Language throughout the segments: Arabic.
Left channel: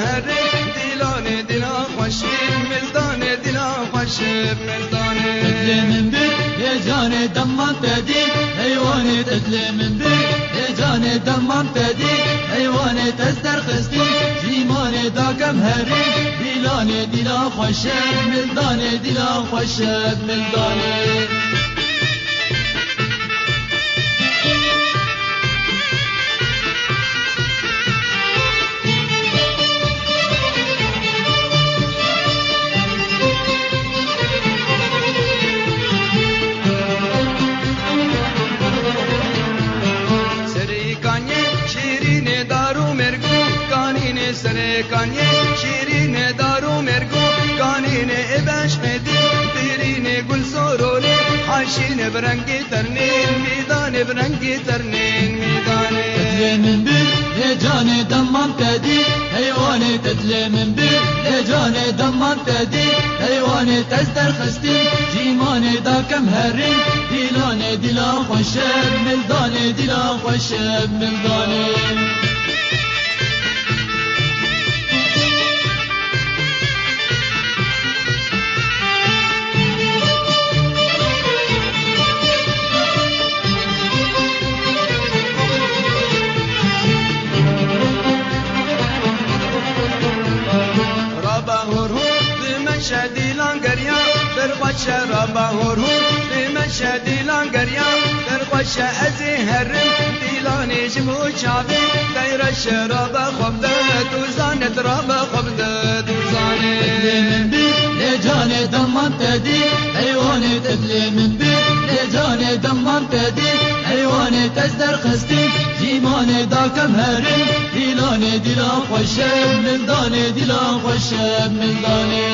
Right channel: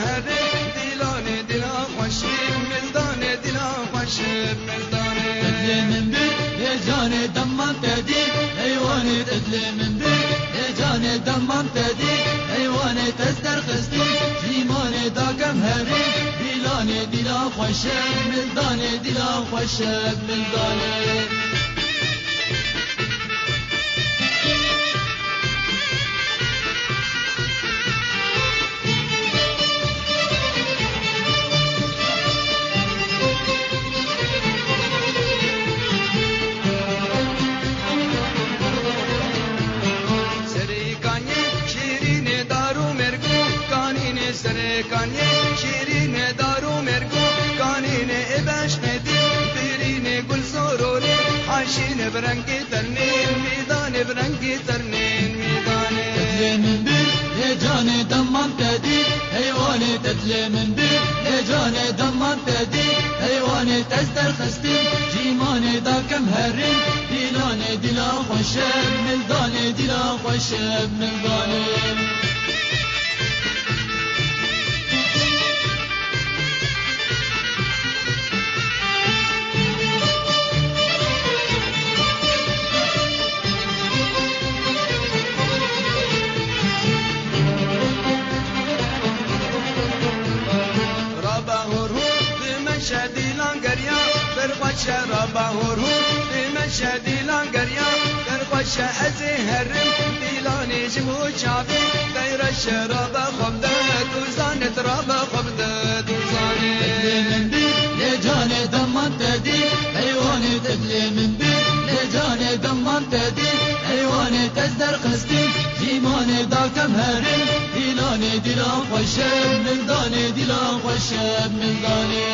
هري دلاني دلا خوشي ملداني دلا خوشي ملداني تتلي من بيك يا جاني دمان تدي حيواني تتلي من بيك يا جاني دمان تدي حيواني تزدر خستي جيماني داكم هري دلاني دلا خوشي ملداني دلا خوشي ملداني Kanye şirine daru mergo kanine ebaş medi dirine gul sorole haşine brengi terni midane brengi terni midane تتلي من بيك يا جاني دمان تدي حيواني تتلي من بيك يا جاني دمان تدي حيواني تزدر خستي جيماني داكم هرين دلاني دلا خوشب ملداني دلا خوشب ملداني مشهدی لانگریا در خوش رابا هرهر مشهدی لانگریا در خوش از هرم دیلانی جمو چاوی دیر شرابا خبده دوزانت رابا خبده دوزانه تتلي من بيك يا جاني دمان تدي حيواني تتلي من بيك يا جاني دمان تدي حيواني تزدر خستي جيماني داكم هرم دلاني دلا خوشب ملداني دلا خوشب ملداني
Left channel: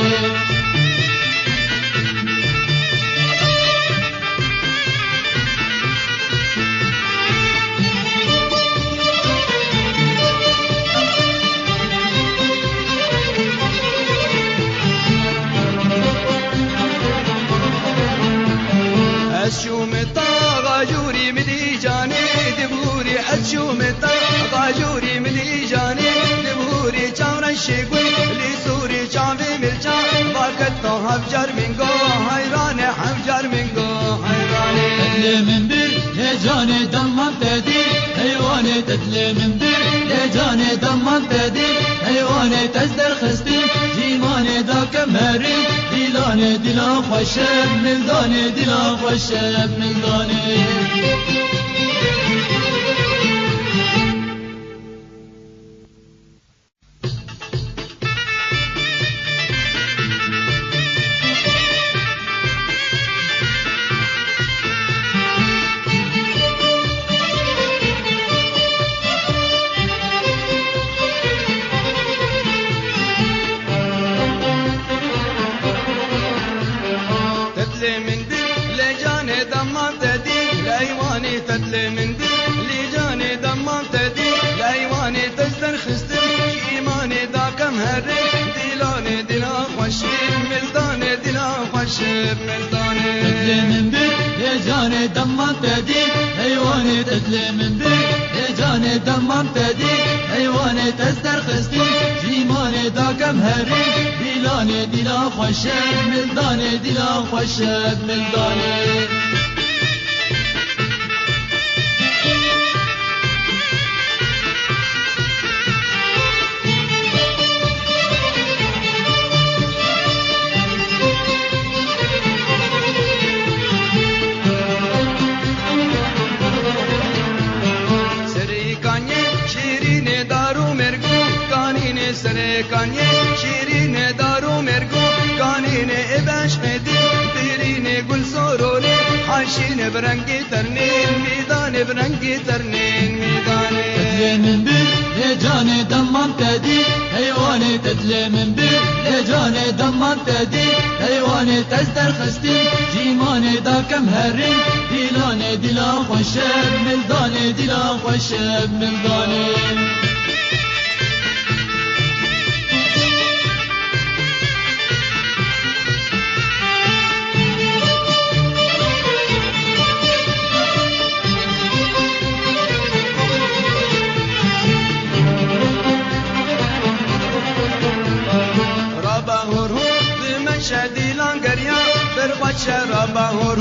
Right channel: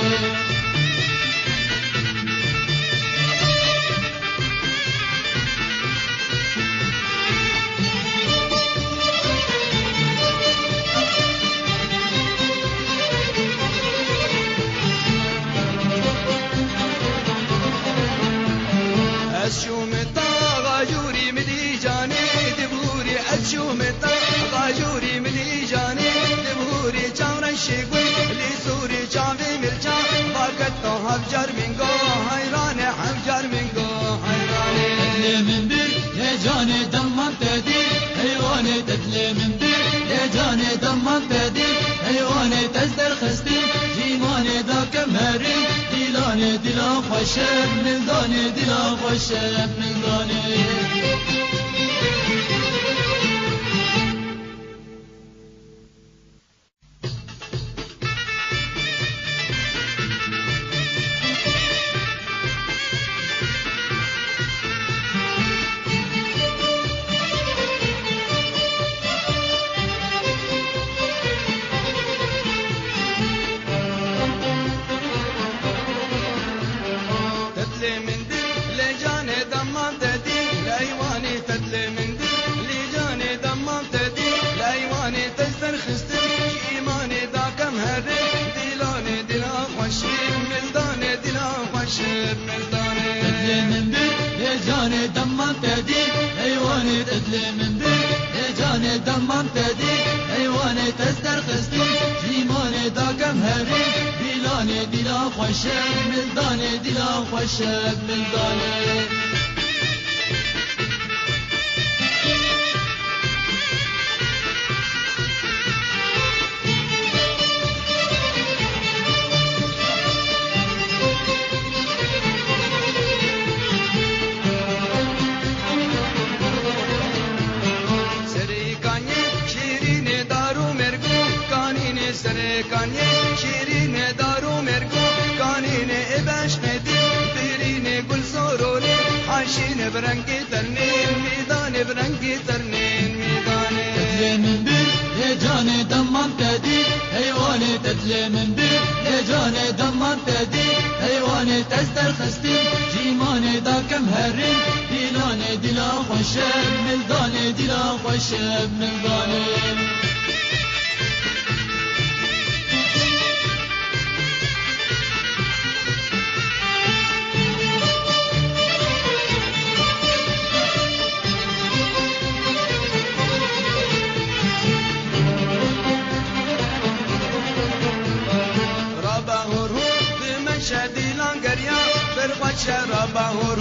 أشومتا غاجوري ملي جاني دبوري أشومتا غاجوري ملي جاني دبوري چاورا شيبوي لسوري چاوي ملچا باقتا حفجر منگو حيران حفجر منگو حيران تتلي من بيك يا جاني دمان تدي حيواني تتلي من بيك يا جاني دمان تدي حيواني تزدر خستي جيماني داكم هري دلاني دلا خوشب ملداني دلا خوشب ملداني تتلي من بيك يا جاني دمان تدي حيواني تتلي من بيك يا جاني دمان تدي حيواني تزدر خستي جيماني داكم هري دلاني دلا خوشب ملداني دلا خوشب ملداني Kanye şirine daru mergo kanine ebaş medi dirine gul sorole haşine brengi terni midane brengi terni midane تتلي من بيك يا جاني دمان تدي حيواني تتلي من بيك يا جاني دمان تدي حيواني تزدر خستي جيماني داكم هري دلاني دلا خوشب ملداني دلا خوشب ملداني شدیلان گریا در خوش رابا هور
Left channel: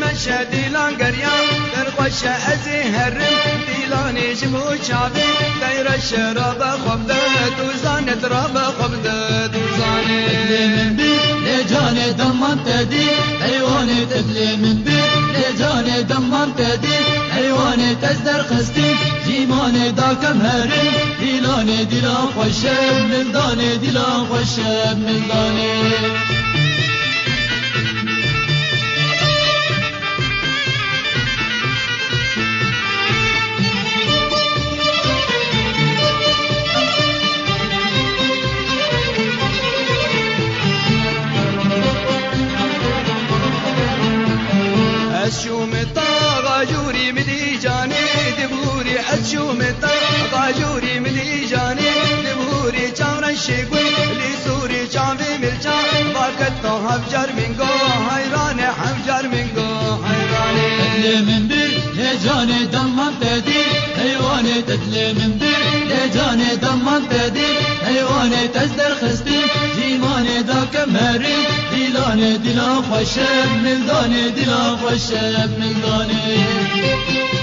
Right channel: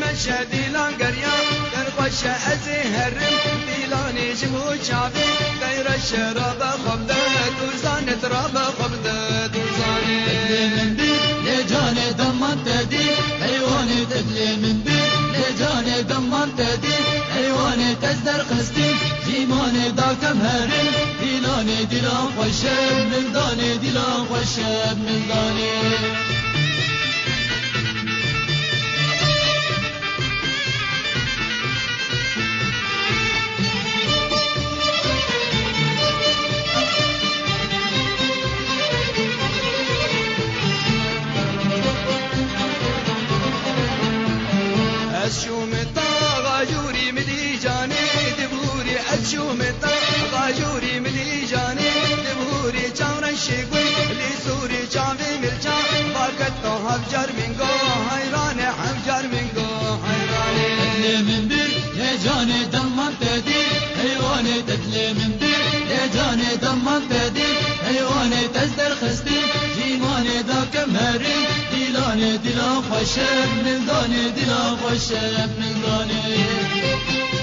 من شدیلان گریا در خوش از هرم دیلان جمو چاوی دیر شرابا خبده دوزانت رابا خبده دوزانه من بی لجان دمان تدی حیوان تدل من بی لجان دمان تدی حیوان تزدر خستی زیمان دا کم هرم دیلان دیلان خوشب ملدان دیلان خوشب ملدانه غاجوري ملي جاني دبوري أشومتا غاجوري ملي جاني دبوري جانا شيبوي لسوري جامي مرجا باكت هفجر منكو حيران حفجر منكو حيراني تدلي من بير يا جاني دمان تدي حيواني تدلي من بير يا جاني دمان تدي حيواني تزدر خستي زيماني داك مهري دلاني دلا خوشب ملداني دلا خوشب ملداني